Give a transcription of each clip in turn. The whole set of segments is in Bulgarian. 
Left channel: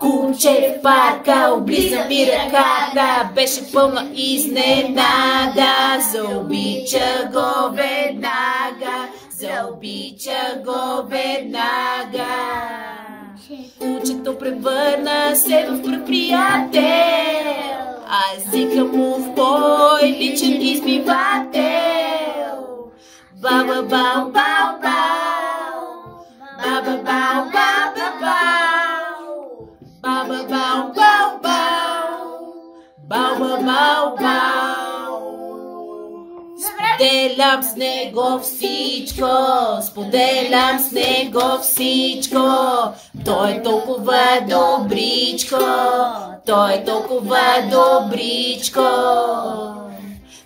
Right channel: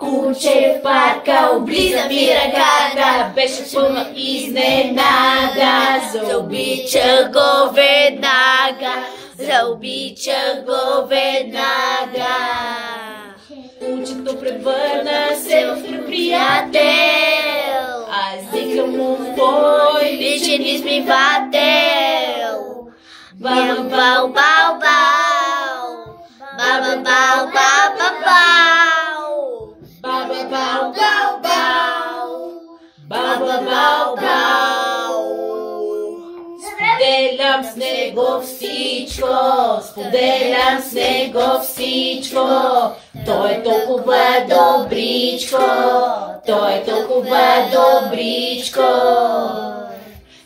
Куче в парка облиза ми ръката, беше пълна изненада. Заобича го веднага, заобича го веднага. Кучето превърна се в приятел, аз викам му в мой личен измивател. Баба бау бау бау, баба бау баба бау, баба бау бау бау, баба бау бау. Споделям с него всичко, споделям с него всичко. Той е толкова добричко, той е толкова добричко.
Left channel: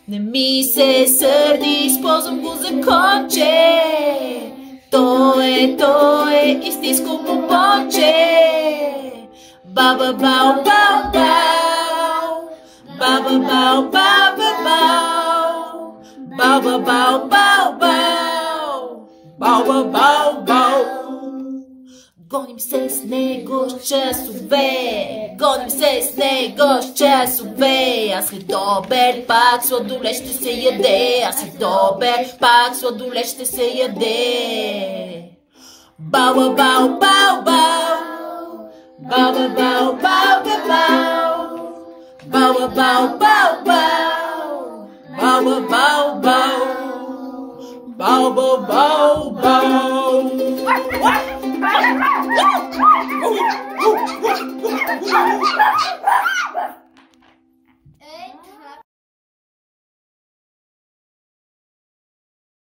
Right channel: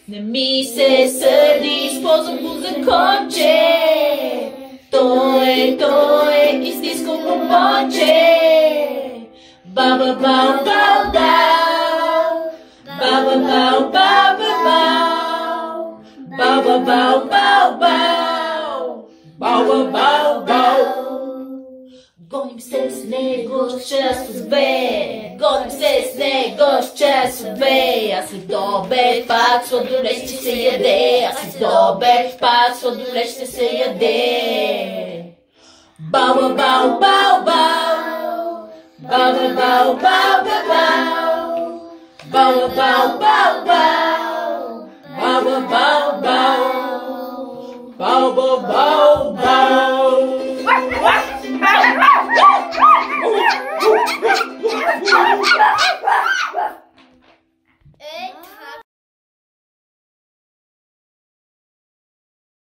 Не ми се сърди, използвам го за конче. Той е истинско момче. Баба бау бау бау, баба бау баба бау, баба бау бау бау, баба бау бау. Гоним се с него с часове, гоним се с него с часове. А след обед пак сладолед ще се яде, а след обед пак сладолед ще се яде. Баба бау бау бау, баба бау бау.